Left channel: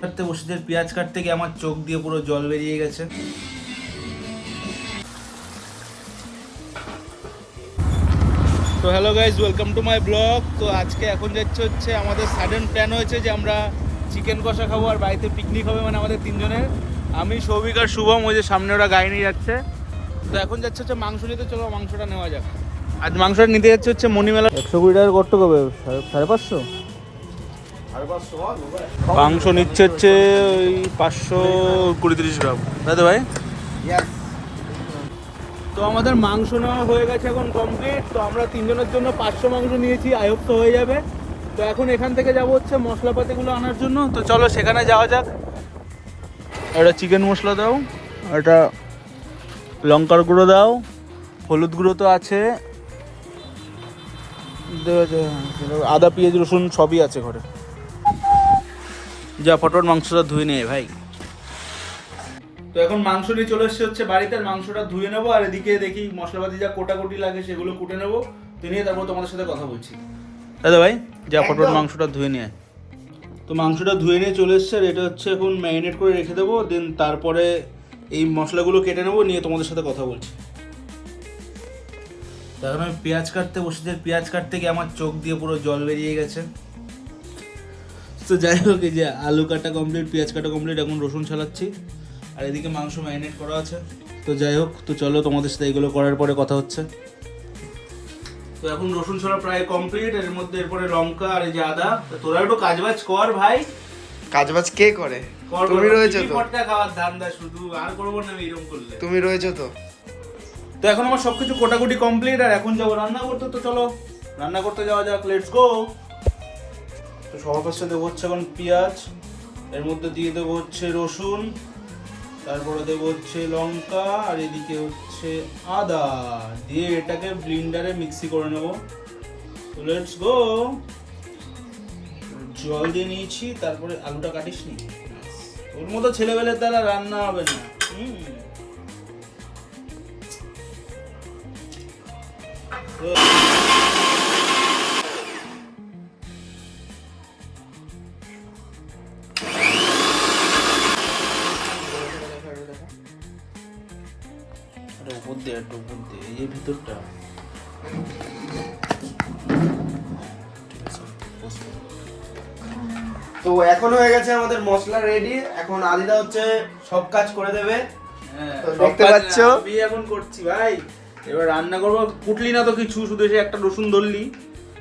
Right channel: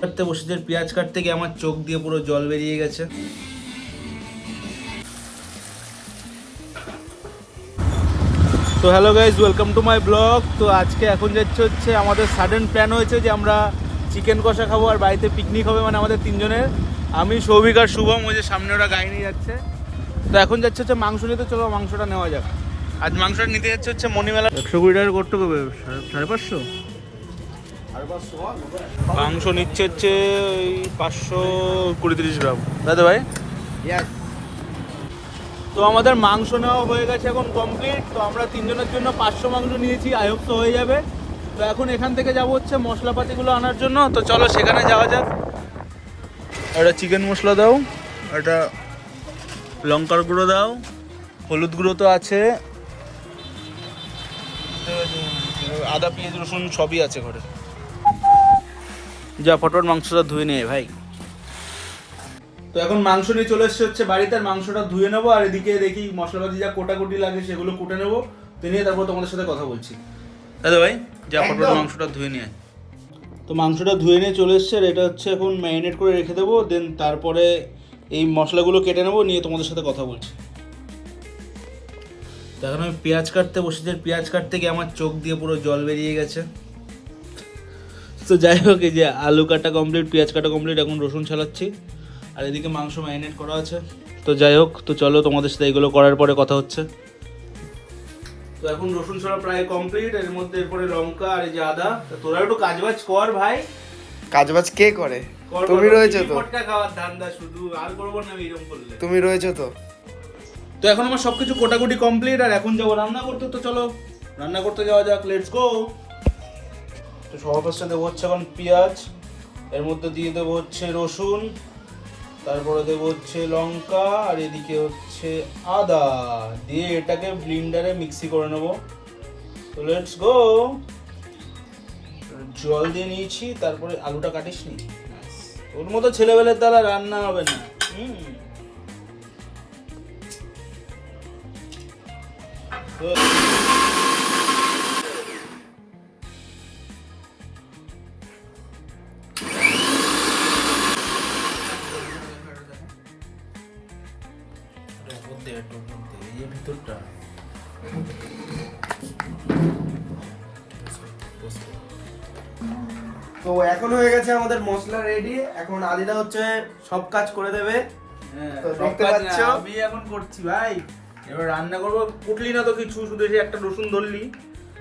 কাটতে বসে পেঁয়াজ কাটতে গিয়ে আমার চোখ দিয়ে পুরো জল বেরিয়ে গেছে। তো hello guys, welcome to my blog. তো আজকে এখন হচ্ছে আমাদের সাডেন প্ল্যান হয়েছে যে আমরা চিকেন কষা খাবো আর বাড়িতে পিকনিক হবে, মানে আমাদের তিনজনের। আমি, সৌভিক আর শুভম, ওই যে সামনে ওরা গাড়ি নিয়ে যাচ্ছে। তো এখন হচ্ছে মাংস নিতে, চলো মাংসটা নেওয়া যাক। আজ মাংসটা নিতে হচ্ছে মণিমেলা। 120 টাকা করতে হবে, 550। মাংস নিচ্ছে হচ্ছে ওই 520-30 গ্রাম, তাই তো ভাই? তো আমাদের মাংস নেওয়া হয়ে গেছে, এখন কমপ্লিট। তো আমরা তিনজনের জন্য 500 মাংস নিয়েছি, আই হোপ তো হয়ে যাবে। তো এখন এখান থেকে যাবো হচ্ছে মশলাপাতিগুলো আনার জন্য। তো চলো সেখানে যাওয়া যাক। একটা চিকেন মশলা দাও, একটা লঙ্কার গুঁড়ো দাও, হলুদ গুঁড়ো তো আছে, আদা পেঁয়াজ রসুন সবই আছে ঘরে। যা ফটোর মাংসটা ধুয়ে নেই ভাই। তো এখন মাংস নিয়ে চলে এসেছে হচ্ছে বাড়িতে, আর মাংসটা ধুয়ে নেবো। আর এদিকে দেখি মশলাপাতি যা কোটাকুটি লাগে সেগুলো কুটে নেবো। তো নিয়ে তারপর তোমাদের সাথে কথা বলছি। দাদা ভাই, যা ফটোর মাংসটা ধুয়ে নিয়ে। তো মাংসটা ধুয়ে নিয়ে চলে এসছে, এটা হচ্ছে এখন ম্যারিনেট করে রেখে দেবো। দেন তারপরে এই মশলাগুলো কেটে নেবো, নিয়ে তোমাদের সাথে কথা বলছি। তো এখন আমি পেঁয়াজ কাটতে বসেছি, পেঁয়াজ কাটতে গিয়ে আমার চোখ দিয়ে পুরো জল বেরিয়ে গেছে। তো যাই হোক, এই যে আলু কাটা কমপ্লিট, পেঁয়াজ কাটা কমপ্লিট, এখন রসুন ছাড়াচ্ছি। আর এদিকে মাংস ম্যারিনেট করা আছে। তো যাই হোক, তো চলো তোমাদের সাথে এগুলো করার পরে কথা হচ্ছে। তো এখন রসুন ছাড়া প্রায় কমপ্লিট, এর মধ্যে এরপরে লঙ্কা আর এই যে আদা। তো তোরা একটু কাজবাজ কর ভাই। কাজবাজ কে করে? তুমি রয়েছো তো। খাওয়ার ধান্দা শুধু, আর করবো না এরকম করলে। তুমি রয়েছো তো। তো এখন আমার সবকিছু কোটাকুটি কমপ্লিট, আর এখন যাবো রান্না করতে। তো চলো রান্না করতে যাওয়া যাক, লেটস গো। তো সহজ দেবো হচ্ছে এখন পেঁয়াজ, এর মধ্যে দিয়ে দেবো হচ্ছে রসুন, তারপরে দেবো হচ্ছে লঙ্কা, আর এদিকে হচ্ছে আদা, দিয়ে এটাকে ব্লেন্ডারে মিক্সি করে নেবো। তো লেটস গো। জল দিয়ে নিয়েছি, তারপরে আলুটা কাটিস নি, ওর মতো ছেলেবেলের দ্বারা রান্না হবে না। ভিতরটা তো এখন হয়ে গেছে আমাদের মশলা রেডি। এখন আদিদা হচ্ছে সব কাজ করে দেবে। তো দেখতে পাচ্ছ আমি এখন করছি ভাই। এবার রান্না করবো, কুটলি না তো কিছু, শুধু এসে একটা রসুন ধরলি,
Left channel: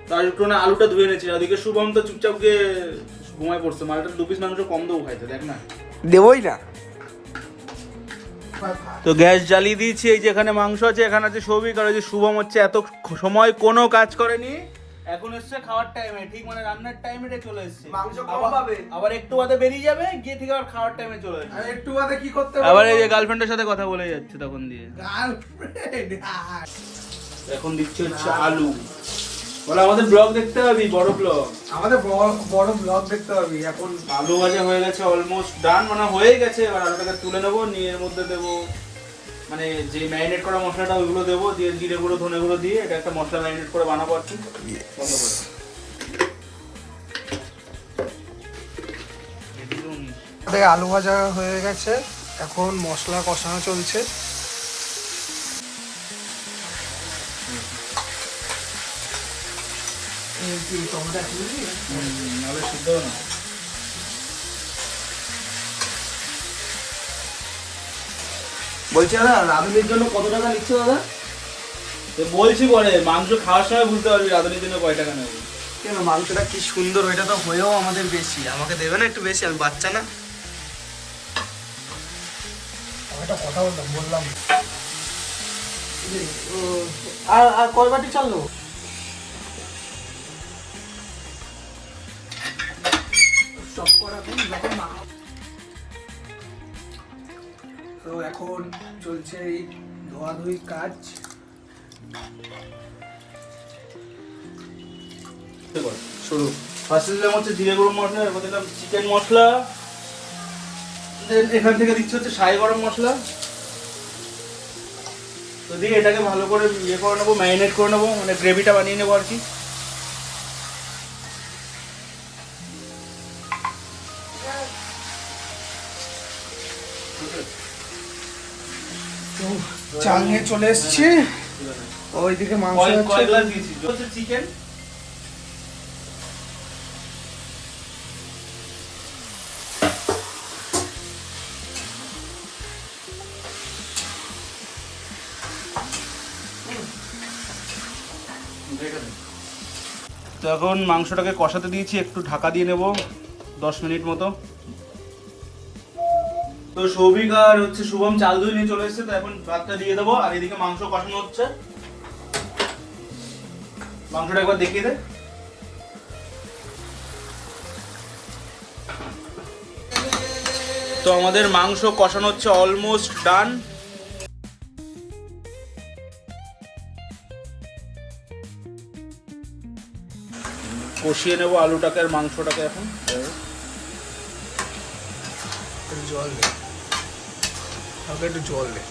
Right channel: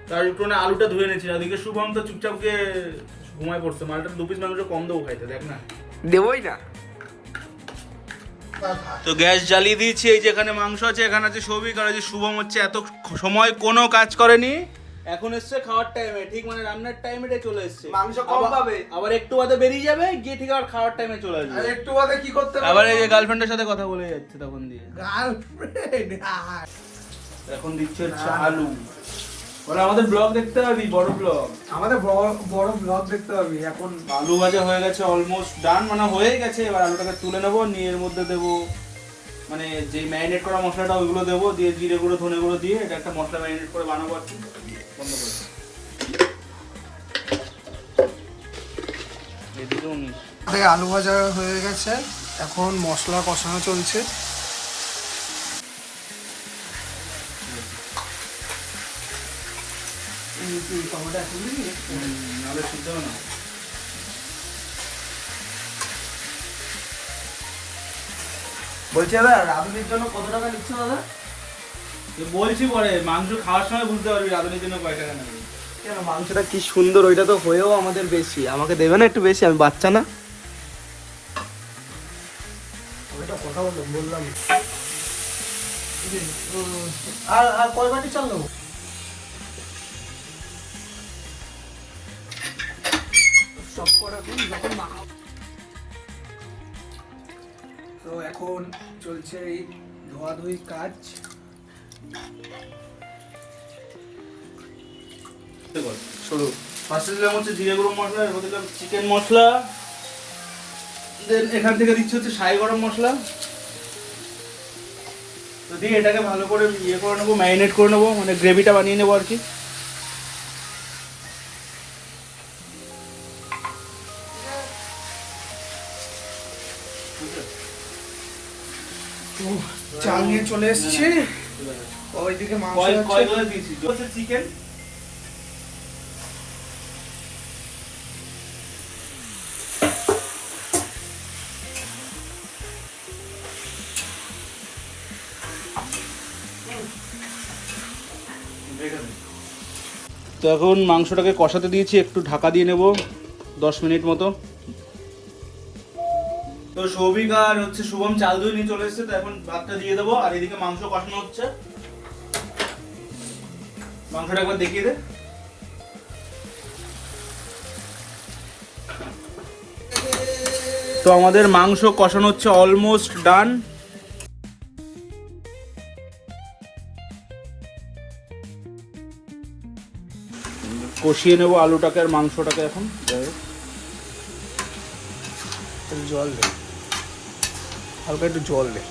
তার একটু না আলুটা ধুয়ে নিয়েছি। ওদিকে শুভম তো চুপচাপ গিয়ে ঘুমায় পড়ছে। মালটা 2 পিস মাংস কম দেবো খাইতে, দেখ না। দেবই না। তো গ্যাস জ্বালিয়ে দিয়েছি, এই যে এখানে মাংস আছে, এখানে আছে সৌভিক, আর যে শুভম হচ্ছে এত সময় কোনো কাজ করেনি, এখন এসছে খাওয়ার টাইমে, ঠিক মানে রান্নার টাইমে চলে এসছে। মাংস কম পাবে, আবার একটু বাদে বেরিয়ে যাবে, গিয়ে ঠিক আবার খাওয়ার টাইমে চলে আসবে। আর একটু বাদে কি করতে হবে, আবার এই যে গার্লফ্রেন্ডের সাথে কথা বলে যাচ্ছে তখন দিয়ে। গার্লফ্রেন্ড এখন দিচ্ছে হচ্ছে আলু। বলে আমাদের ব্লগ দেখতে হবে, বড় ব্লগ, আমাদের বড় ব্লগ দেখতে হবে। এখন আলু ভাজা হয়ে গেছে, অলমোস্ট ডান, মানে হয়ে গেছে। এবার আলুটাকে তুলে নেবো, নিয়ে এর মধ্যে দেবো মানে যে ম্যারিনেট করা মশলাটা ওইগুলো দেবো, দিয়ে জিরে গুঁড়ো ধনে গুঁড়ো দিয়ে এটা একটা মশলা ম্যারিনেট করে বানাবো আর কি। বন্ধ করে আলু ভাজা হয়ে গেছে, এখন মশলা কষানো চলছে। আলু সিদ্ধ না। বলছি দাদা, রাঁধুনির জন্য কত টাকা নিচ্ছে দাদা? বলছি পরে, মাংস খাওয়ার সময় বুঝতে পারবি রাঁধুনির জন্য কয় টাকা নেবে। কেন, মাংসটা কি সুন্দর, ওইটা তো হয়েও আমাদের বেশি। আমাকে দেবে না একটু বেশি? আমি বাচ্চা না? আমি একটা কথা বললাম। আর কয় বাটি চললো? সব করা যখন মাখা। তো এখন চলছে এই ধোয়াধুয়ি কাজ। শুরু। ফার্স্টে দিলাম হচ্ছে জিরে গুঁড়ো মশলা, এরপর দিলাম চিকেন মশলা, দেন এখান থেকে দিচ্ছি হচ্ছে শাহি গরম মশলা। তো দিয়ে এটাকে ভালো করে ইয়ে করে নেবো, ম্যারিনেট করে নেবো, মানে গ্রেভিটা বানিয়ে নেবো আর কি। তো চাল নিয়ে চলে এসেছি, ওইদিকে মাংস কয় গ্লাস দিয়েছি চিকেন। তো এখন মাংসটাকে কষাতে দিয়েছি, একটু ঢাকা দিয়ে নেব 10 মিনিট মতো। তো সৌভিক আর হচ্ছে শুভম চাল ধুয়ে নিয়ে চলে এসেছে, তো এখন ভাতটা দিয়ে দেবো। আর এদিকে মাংস কষানো হচ্ছে, মাংসটা একবার দেখিয়ে দে। তো আমাদের মাংস কষানো হচ্ছে, অলমোস্ট ডান। কষিয়ে নেব আলুটাকে আর মাংসটাকে। এখন জল দে, হালকা একটু জল দে।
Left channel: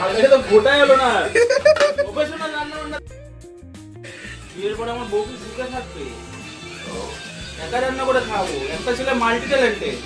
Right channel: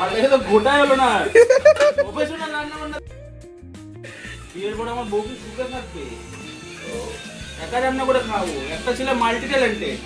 আর এটা তো গোটাই হলো না, প্রফেশনাল রান্না বান্না। বিয়ের পরে আমার বউ কি সুখে থাকবে? একা রান্না করে খাওয়াবো, একটা ছেলে মাল্টি ট্যালেন্টেড।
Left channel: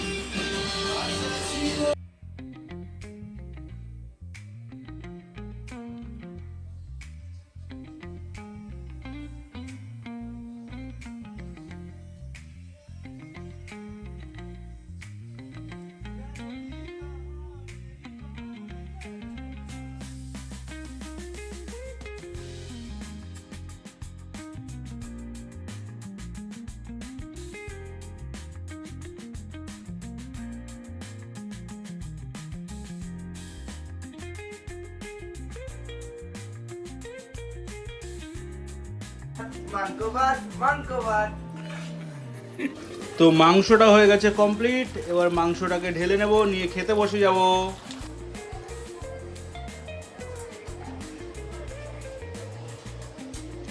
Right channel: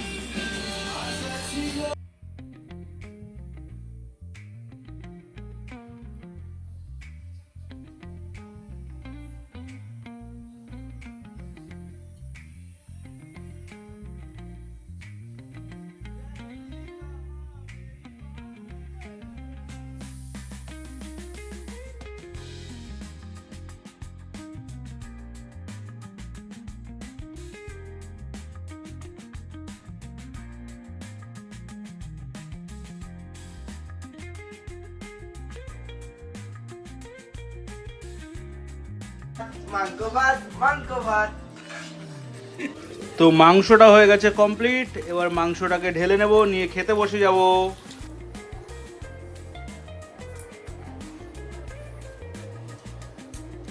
তো মাংসটা হয়ে গেছে কমপ্লিট, এবার মাংসটাকে ঢেলে নেব, নিয়ে খেতে বসে যাব।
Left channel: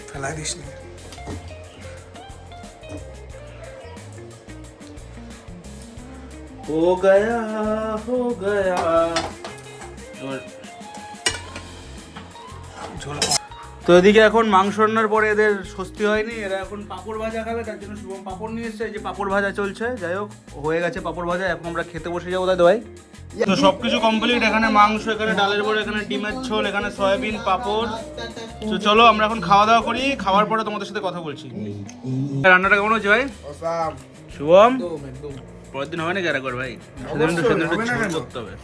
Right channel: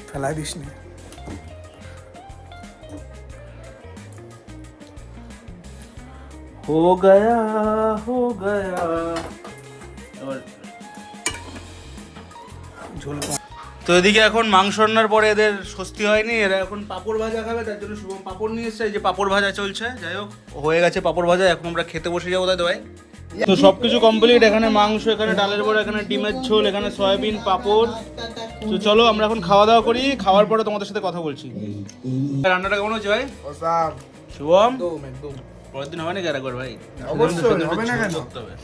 ফেলাই দিস নি। हो गया हो गया। এবার ঝোল তো এদিকে এখন মাংস রান্নার পরে এদের স্বস্তি হয়নি, এরা এখন পাঁপড় ভাজা খাবে, তার জন্য শুভম পাঁপড় নিয়ে এসছে। যে পাঁপড় ভাজা চলছে, যাই হোক হয়ে গেছে পাঁপড় ভাজা, এখন আমরা খেতে বসে যাবো। তাই ভাই তো সবকিছু কমপ্লিট, এখানে মাংস, এখানে ডালের বড়া, এখানে ডিমের ঝোল, এখানে সয়াবিন, পাঁপড়। তো চলো আমরা এখন খাওয়া দাওয়া করি, খাওয়ার পরে তোমাদের সাথে কথা বলছি। রান্নাটা কেমন হচ্ছে ভাই? শুভম পরের দিন হবে না গ্যারা কর ভাই, হবে না কেন? করতে হবে।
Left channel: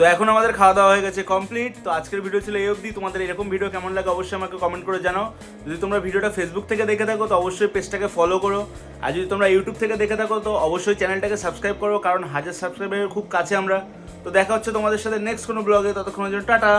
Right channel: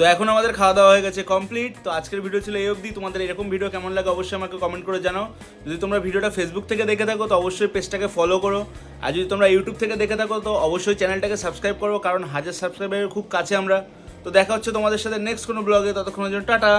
তো এখন আমাদের খাওয়া দাওয়া হয়ে গেছে কমপ্লিট। তো আজকের ভিডিও ছিল এই অবধি। তোমাদের এরকম ভিডিও কেমন লাগে অবশ্যই আমাকে কমেন্ট করে জানাও। যদি তোমরা ভিডিওটা ফেসবুক থেকে দেখে থাকো তো অবশ্যই পেজটাকে ফলো করো, আর যদি তোমরা ইউটিউব থেকে দেখে থাকো তো অবশ্যই চ্যানেলটাকে সাবস্ক্রাইব করো, কারণ 1000 সাবস্ক্রাইবারের খুব কাছে আমরা। তো দেখা হচ্ছে তোমাদের সাথে নেক্সট কোনো ব্লগে, ততক্ষণের জন্য টাটা।